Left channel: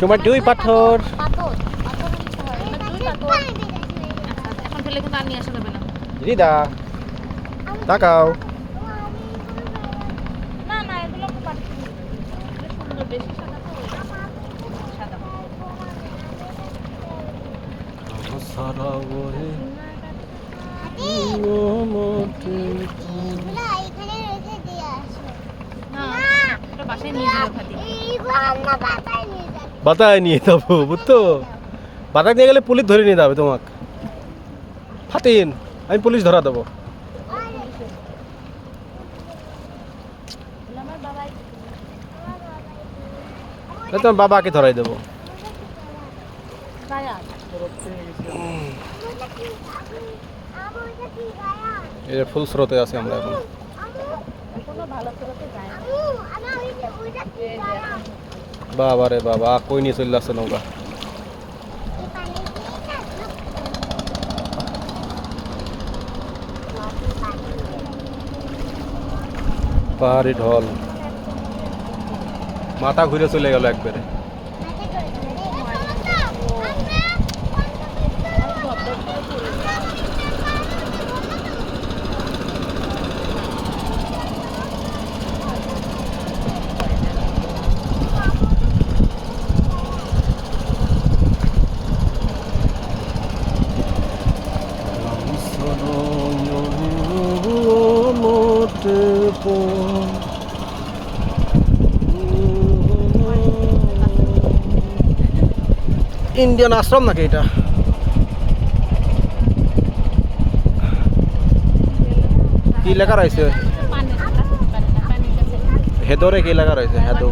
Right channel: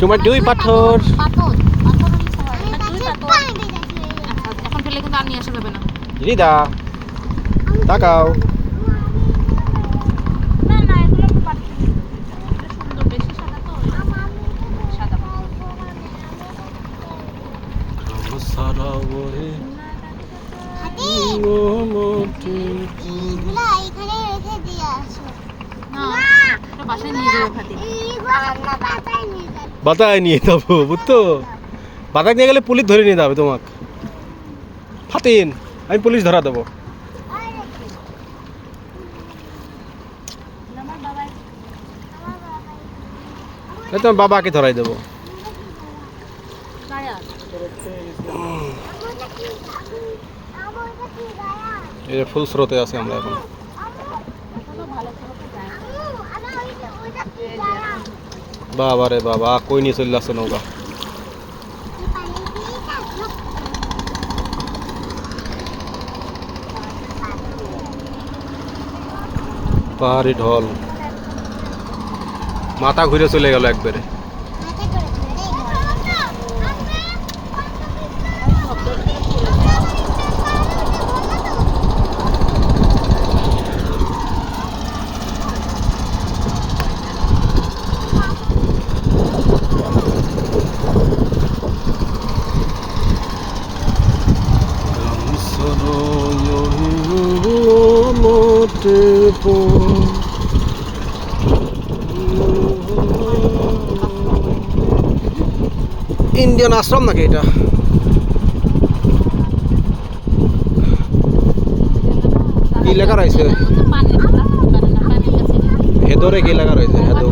তোমার দুই পাথর। পাথর পাথর দুই পাথর। আচ্ছা এখন ফেলে কিন্তু আর নিয়ে আসা যাবে না। রিদা তাকাও। না না এগুলো আমরা বাড়িতে নিয়ে যাবো। সুন্দর বেশি সাদা তো সাদা সারা ওরে বাসায় নিয়ে যাবে ফাতি। বাতায় নিয়ে যাবো বুঝতো, বাতায় নিয়ে গেলে পুলিশ ধরে নিয়ে যাবে তোমাকে। ফাতিন আমি পুলিশ ধরা দেবো। তোমার বাবাকে ধরাই দেবো। এই যে ফুল স্রোতে আছে আমরা এখন। বাবা রে বাবা কই নিয়ে চলে আসছে নৌকা। পাহাড়ি ঢল, মাথা ঘুরে চলে গেল একবারে। ইন্ডিয়ান আশ্রম নাকি এটা? কি লেখা রয়েছে? হেদরে কি লেখা রয়েছে? হেদো